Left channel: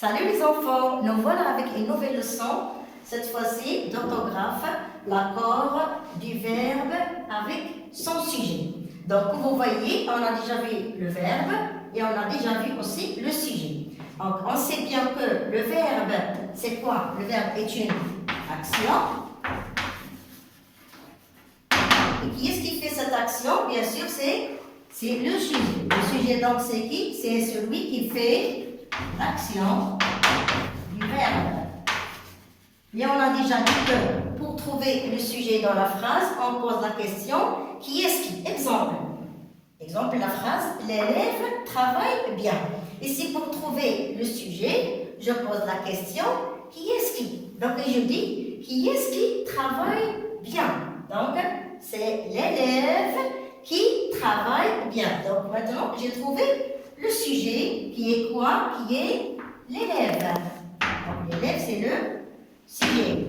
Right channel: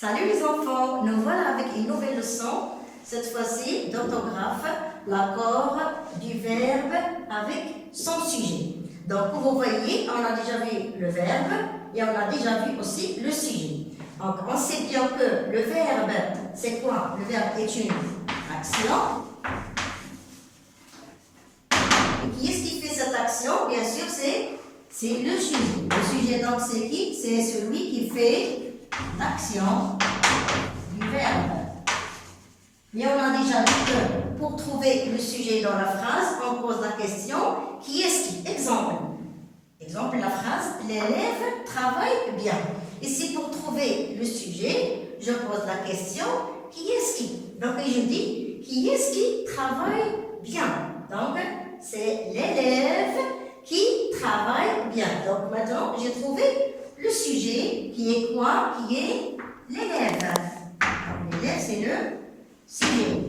Salut les enfants, nous voilà avec une nouvelle leçon, cette fois-ci d'orthographe, l'accord du verbe avec son sujet. Donc vous voyez, on a déjà vu le verbe et on a déjà vu aussi le sujet. Donc on sait bien que le verbe, c'est quoi? Le verbe est une action. Et qui est-ce qui fait cette action? Bien sûr, c'est le sujet. Le sujet donc c'est qui? C'est celui qui fait l'action du verbe. Et on a déjà dit que pour trouver le sujet dans la phrase, on pose la question qui est-ce qui? Exemple, la phrase l'élève travaille bien. Ici, pour trouver le sujet, je pose la question qui est-ce qui? Donc, je dis qui est-ce qui travaille bien? Donc, c'est l'élève qui travaille bien. Donc, maintenant, j'ai trouvé le sujet qui est quoi? Qui est l'élève. Donc, l'élève, c'est le sujet.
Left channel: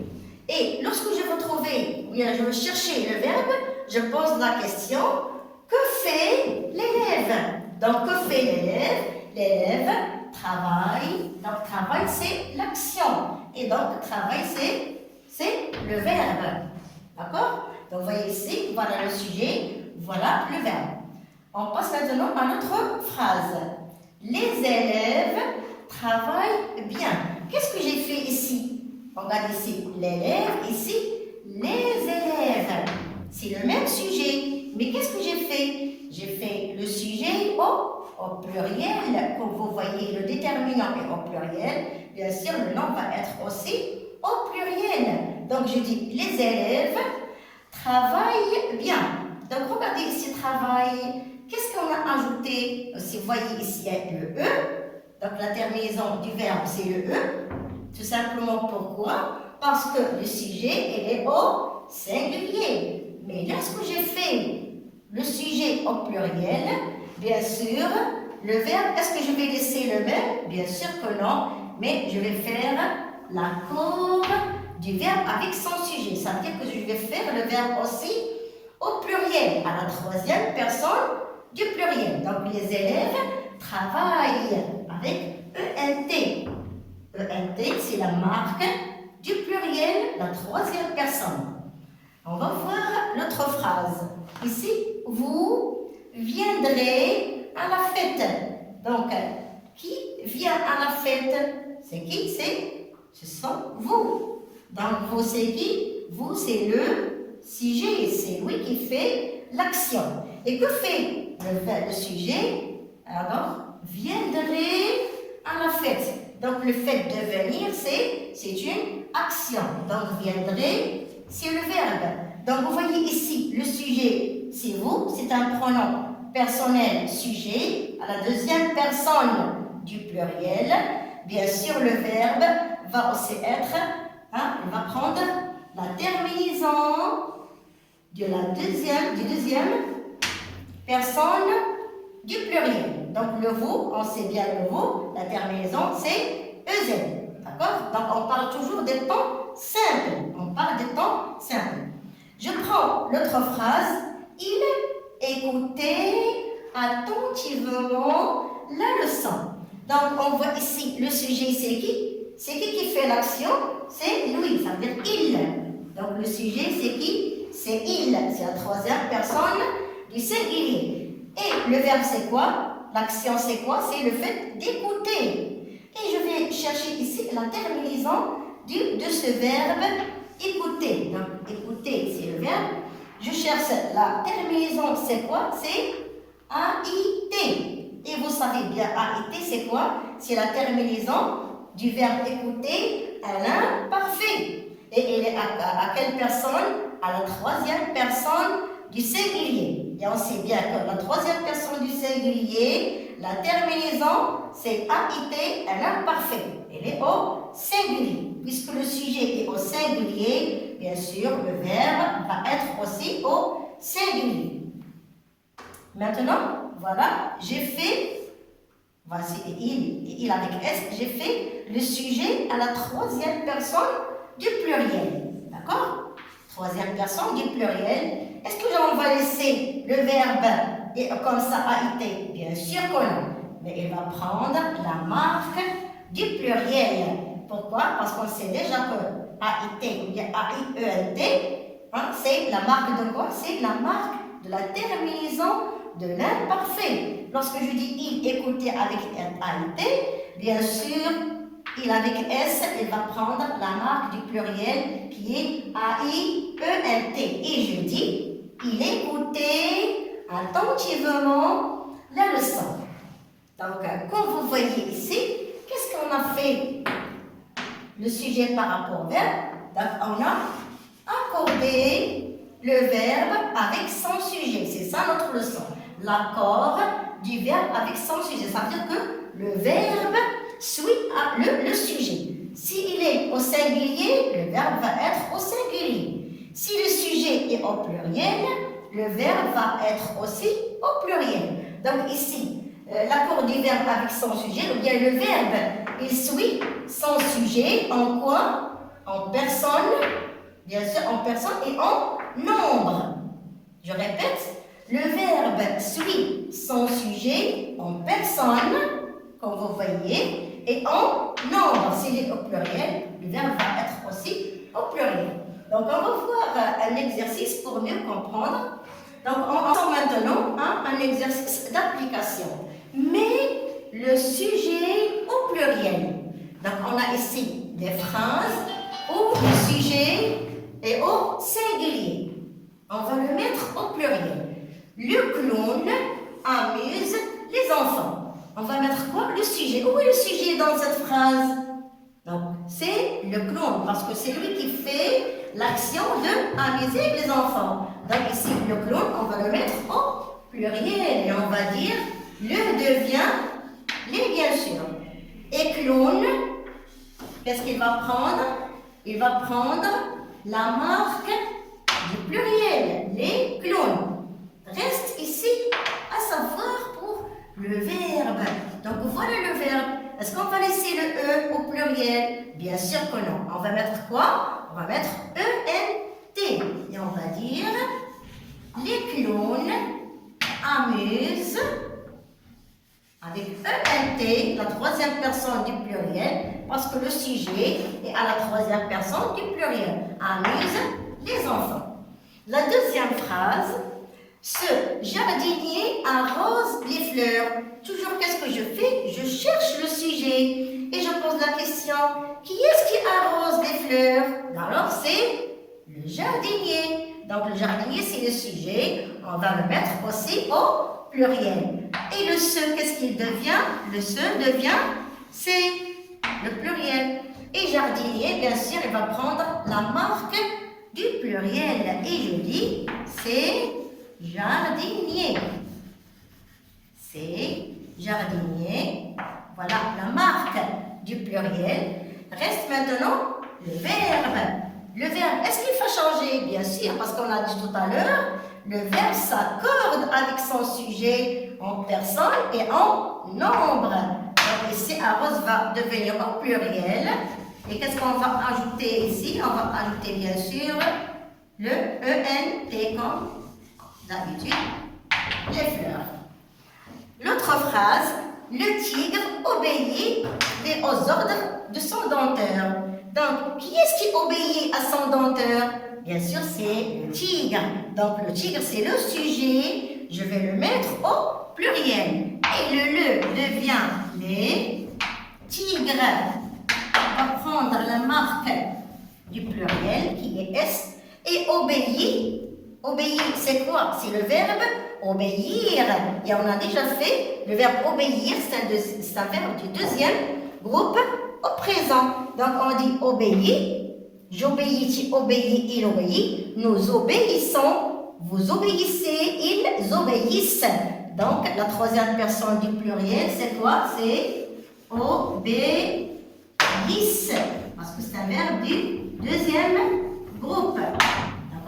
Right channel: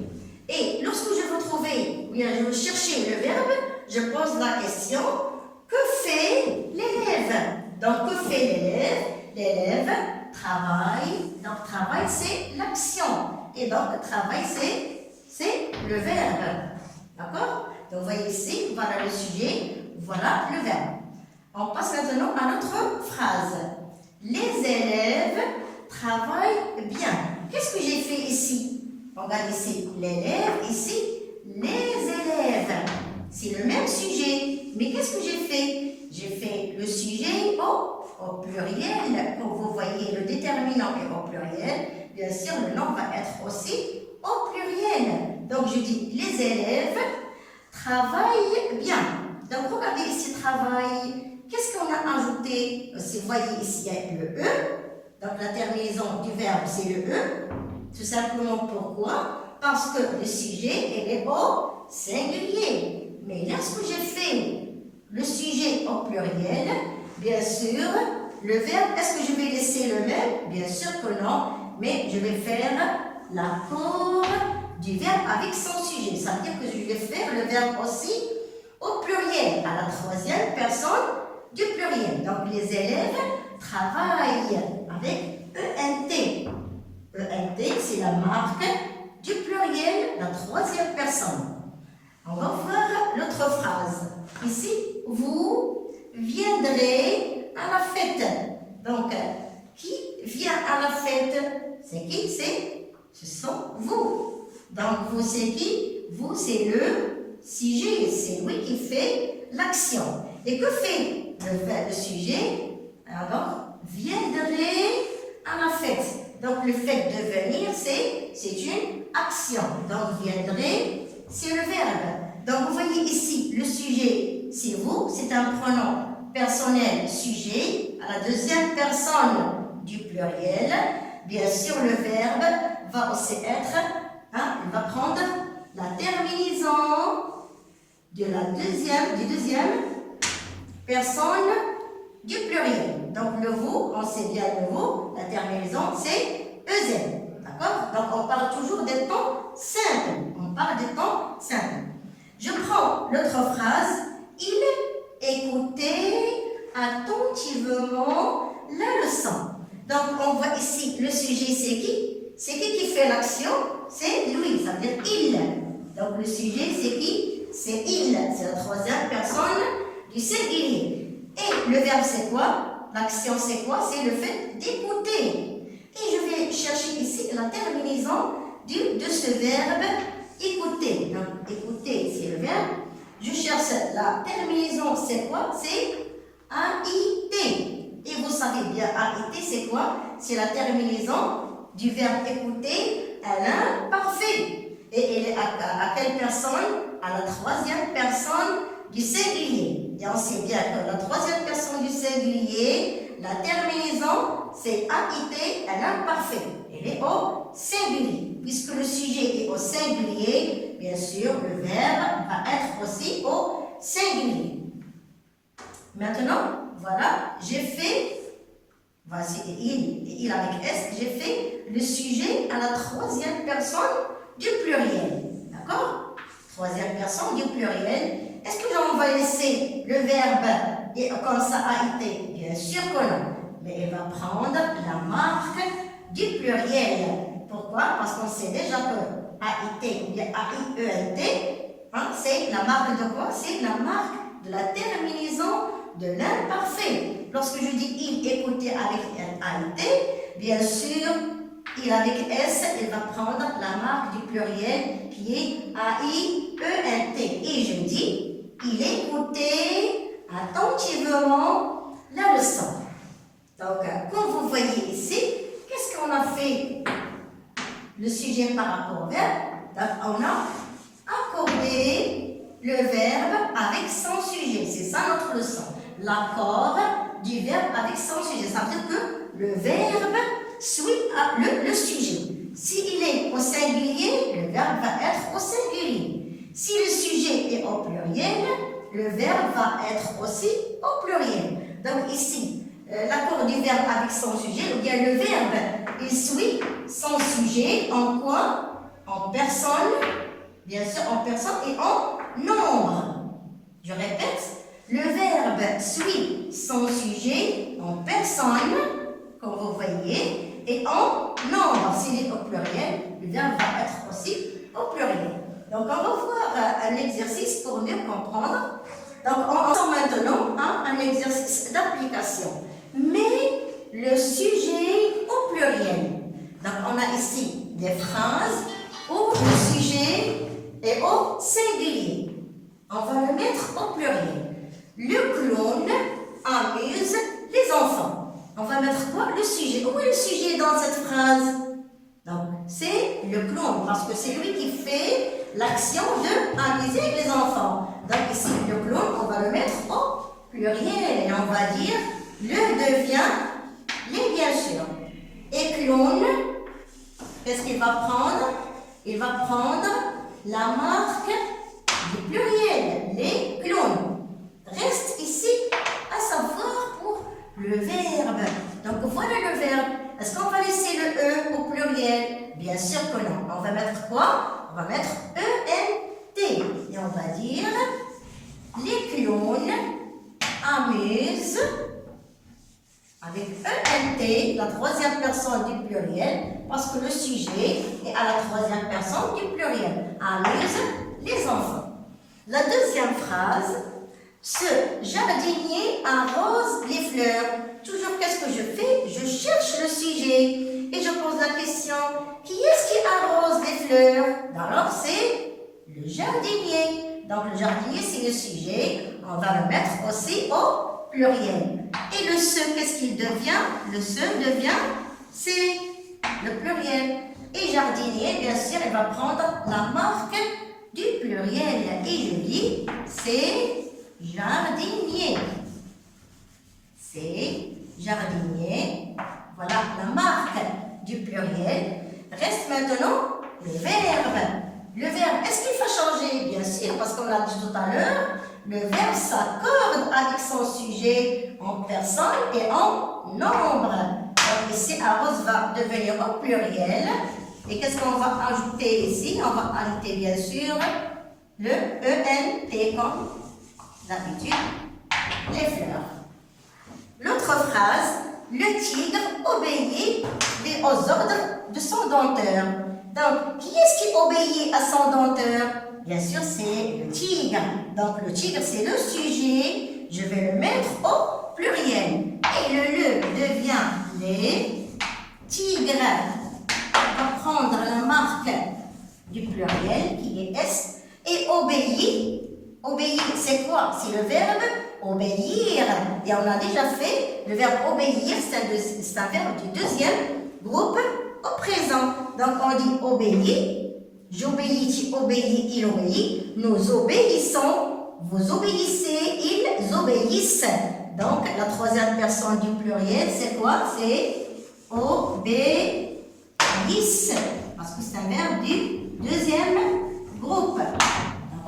Et lorsque je veux trouver, ou bien je veux chercher le verbe, je pose la question que fait l'élève? Donc, que fait l'élève? L'élève travaille. Donc, travail, c'est l'action. Et donc, travail, c'est le verbe. D'accord? Donc, vous voyez ici, voilà le sujet, voilà le verbe. On passe maintenant à notre phrase. Les élèves travaillent bien. Qu'est-ce que j'ai fait ici? Regarde ici, l'élève, ici, les élèves. C'est le même sujet. Mais qu'est-ce que j'ai fait? J'ai fait le sujet au pluriel. Comme vous voyez, le déterminant est au pluriel. Bien sûr, le nom va être aussi au pluriel. Donc, je dis les élèves travaillent bien. Donc, regardez ici, travail. Qu'est-ce qu'on a ajouté? Si vous voyez ici, il y a le E. Donc, la terminaison du verbe, c'est le E. Tout simplement pourquoi? Parce que le sujet, il est au singulier. Mais lorsque j'ai fait le sujet au pluriel, bien sûr, le verbe, est-ce que je vais laisser le même? Bien sûr que non. Mais je vais faire l'accord du verbe avec son sujet. Ça veut dire que je vais faire le verbe aussi au pluriel, à la troisième personne du pluriel. Donc, les élèves travaillent avec ENT. ENT, c'est la marque du pluriel, la troisième personne. On va voir notre phrase. Ici, vous viendrez à la fête. Donc, qui vient à la fête? C'est qui? Ce sont vous. Donc, vous, c'est qui? Vous, c'est le sujet. C'est lui qui fait l'action. Et que fait le sujet? Alors, viendrez à la fête. Donc, le fait de venir, c'est une action. Donc, viendrez, c'est le verbe. Donc, vous voyez ici, le sujet, c'est vous. C'est un pronom personnel sujet. À la deuxième personne du pluriel. Bien sûr, le verbe va aussi être, il va prendre la terminaison de la deuxième personne du pluriel. Donc, le vous, on sait bien le vous, la terminaison, c'est EZ. D'accord? Donc, on parle toujours des temps simples. On parle des temps simples. Je prends notre phrase. Il écoutait attentivement la leçon. Donc, on voit ici, le sujet, c'est qui? C'est qui fait l'action? C'est lui, ça veut dire il. Donc, le sujet, c'est qui? C'est il. C'est la troisième personne du singulier. Et le verbe, c'est quoi? L'action, c'est quoi? C'est le fait d'écouter. Et je vais chercher ici la terminaison de ce verbe écouter. Donc, écouter, c'est le verbe. Je cherche la terminaison, c'est quoi? C'est AIT. Et vous savez bien, AIT, c'est quoi? C'est la terminaison du verbe écouter à l'imparfait. Et elle est à quelle personne? À la troisième personne du singulier. Et on sait bien que la troisième personne du singulier, la terminaison, c'est AIT à l'imparfait. Elle est au singulier. Puisque le sujet est au singulier, bien sûr, le verbe va être aussi au singulier. Maintenant, voilà, j'ai fait, voici il avec S, j'ai fait le sujet à la troisième personne du pluriel. D'accord? Troisième personne du pluriel. Est-ce que on va laisser le verbe comme ça a été? Bien sûr que non. Mais il va prendre la marque du pluriel. Pourquoi? Parce qu'on sait déjà que AIT ou bien AIELT, hein, c'est la marque de quoi? C'est la marque de la terminaison de l'imparfait. Lorsque je dis il écoutait avec AIT, bien sûr, il avec S, il va prendre la marque du pluriel qui est AIELT. Et je dis, il écoutait attentivement la leçon. Donc, comme vous voyez ici, qu'est-ce qu'on a fait? Le sujet par rapport au verbe. Donc, on a accordé le verbe avec son sujet. C'est ça notre leçon. L'accord du verbe avec son sujet. Ça veut dire que le verbe suit le sujet. S'il est au singulier, le verbe va être au singulier. Si le sujet est au pluriel, le verbe va être aussi au pluriel. Donc ici, l'accord du verbe avec son sujet, ou bien le verbe, il suit son sujet en quoi? En personne, bien sûr en personne et en nombre. Je répète, le verbe suit son sujet en personne, comme vous voyez, et en nombre. S'il est au pluriel, le verbe va être aussi au pluriel. Donc, on va voir un exercice pour mieux comprendre. Donc, on sent maintenant un exercice d'application. Mais le sujet au pluriel. Donc, on a ici des phrases où le sujet est au singulier. On va le mettre au pluriel. Le clown amuse les enfants. On va mettre quoi? Le sujet. Où est le sujet dans cette phrase? Donc, c'est le clown, parce que c'est lui qui fait l'action de amuser les enfants. Donc, ici, le clown, on va le mettre au pluriel. Et on va dire, le devient les, bien sûr. Et clown, qu'est-ce qu'il va prendre? Il va prendre la marque du pluriel, les clowns. Reste ici à savoir pour le verbe. Donc voilà le verbe. Est-ce qu'on va laisser le E au pluriel? Bien sûr que non. On va mettre quoi? On va mettre ENT. Et on va dire les clowns amusent avec ENT, la troisième personne du pluriel, parce que le sujet est à la troisième personne du pluriel. Amuse les enfants. La deuxième phrase, ce jardinier arrose les fleurs. Toujours, qu'est-ce que je fais? Je cherche le sujet et je pose la question, qui est-ce qui arrose les fleurs? Alors, c'est le jardinier. Donc, le jardinier, c'est le sujet. On va le mettre aussi au pluriel. Et le ce, qu'est-ce qu'il devient? Le ce devient, c'est le pluriel. Et jardinier, bien sûr, il va prendre la marque du pluriel. Et je dis, c'est jardinier. C'est jardinier. Voilà la marque du pluriel. Reste maintenant le verbe. Le verbe, est-ce qu'il va changer? Bien sûr, parce qu'on a dit tout à l'heure, le verbe s'accorde avec son sujet en personne et en nombre. Donc ici, arrose va devenir au pluriel. Et qu'est-ce qu'on va ajouter ici? On va ajouter bien sûr le ENT comme d'habitude, les fleurs. L'autre phrase, le tigre obéit aux ordres de son dompteur. Donc, qui est-ce qui obéit à son dompteur? Bien sûr, c'est le tigre. Donc, le tigre, c'est le sujet. Je vais le mettre au pluriel. Et le devient les tigres. On va prendre la marque du pluriel, qui est S, et obéit. Obéir, c'est quoi? C'est le verbe obéir. Et on a déjà fait le verbe obéir, c'est un verbe du deuxième groupe au présent. Donc on dit obéir, j'obéis, tu obéis, il obéit, nous obéissons, vous obéissez, ils obéissent. Donc la troisième personne du pluriel, c'est quoi? C'est obéissent, parce que c'est un verbe du deuxième groupe.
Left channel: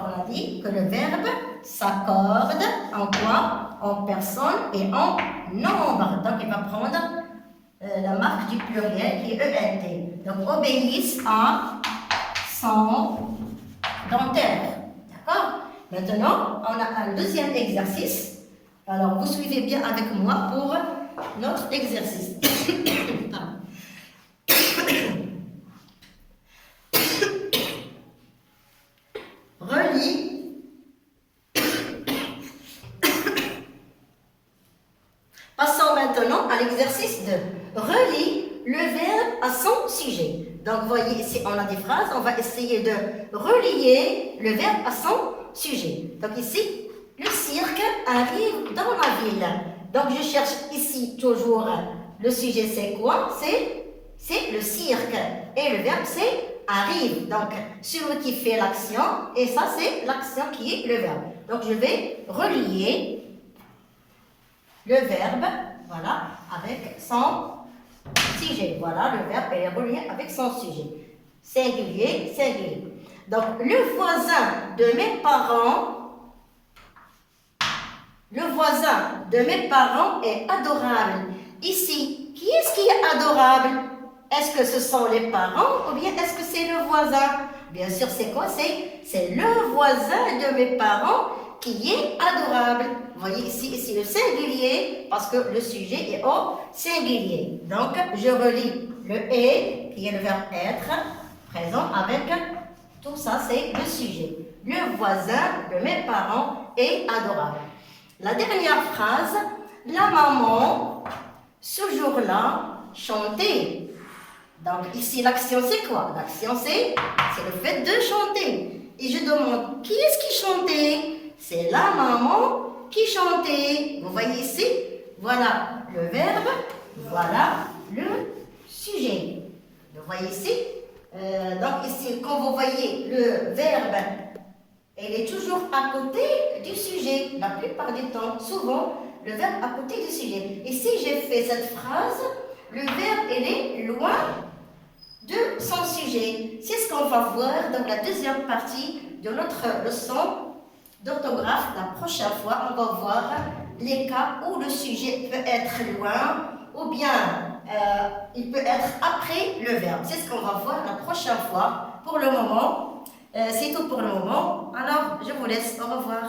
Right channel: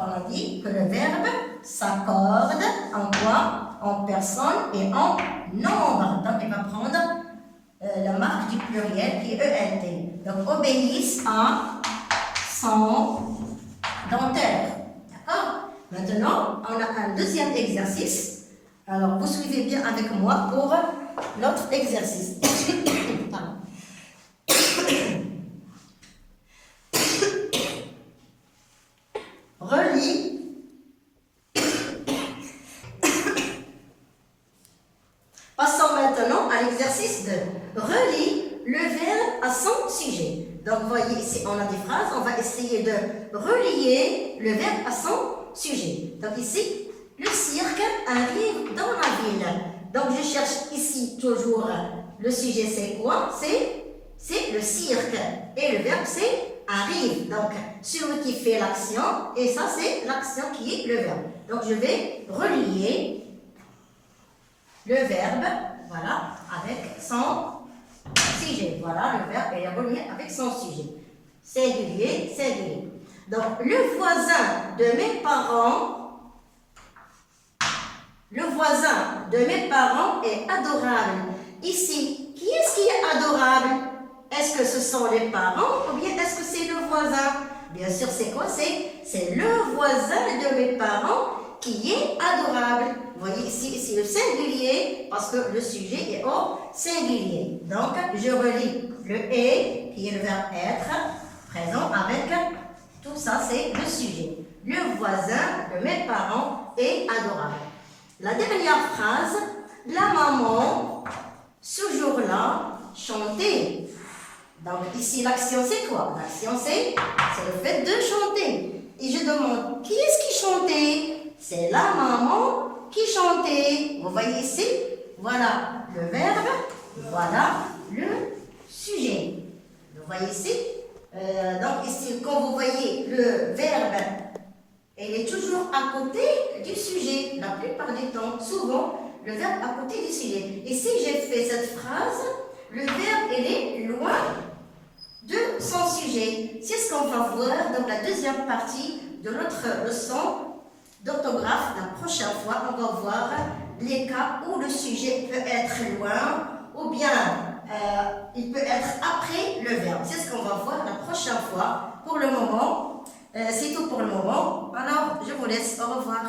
On a dit que le verbe s'accorde en quoi? En personne et en nombre. Donc, il va prendre la marque du pluriel qui est ENT. Donc, obéissent à son dompteur. D'accord? Maintenant, on a un deuxième exercice. Alors, vous suivez bien avec moi pour notre exercice. à l'exercice de relie le verbe à son sujet. Donc, vous voyez ici, on a des phrases. On va essayer de relier le verbe à son sujet. Donc, ici, le cirque arrive dans la ville. Donc, je cherche ici toujours le sujet, c'est quoi? C'est le cirque. Et le verbe, c'est arrive. Donc, celui qui fait l'action, et ça, c'est l'action qui est le verbe. Donc, je vais relier le verbe, voilà, avec son sujet. Voilà, le verbe est relié avec son sujet. Singulier, singulier. Donc, le voisin de mes parents est adorable. Ici, qui est-ce qui est adorable? Est-ce que ce sont les parents ou bien est-ce que c'est le voisin? Bien sûr, c'est quoi? C'est le voisin de mes parents qui est adorable. Vous voyez ici le singulier parce que le sujet est au singulier. Donc, je relie le « est » qui est le verbe « être » présent avec tout ça, c'est le sujet. Le voisin de mes parents est adorable. La dernière phrase, la maman, ce jour-là, chantait. Donc ici, l'action c'est quoi? L'action c'est le fait de chanter. Et je demande, qui est-ce qui chantait? C'est la maman qui chantait. Vous voyez ici? Voilà le verbe, voilà le sujet. Vous voyez ici? Donc ici, quand vous voyez le verbe, il est toujours à côté du sujet, la plupart du temps. Souvent, le verbe à côté du sujet. Ici, j'ai fait cette phrase, le verbe, il est loin de son sujet. C'est ce qu'on va voir dans la deuxième partie de notre leçon d'orthographe. La prochaine fois, on va voir les cas où le sujet peut être loin ou bien il peut être après le verbe. C'est ce qu'on va voir la prochaine fois. Pour le moment, c'est tout pour le moment. Alors, je vous laisse. Au revoir.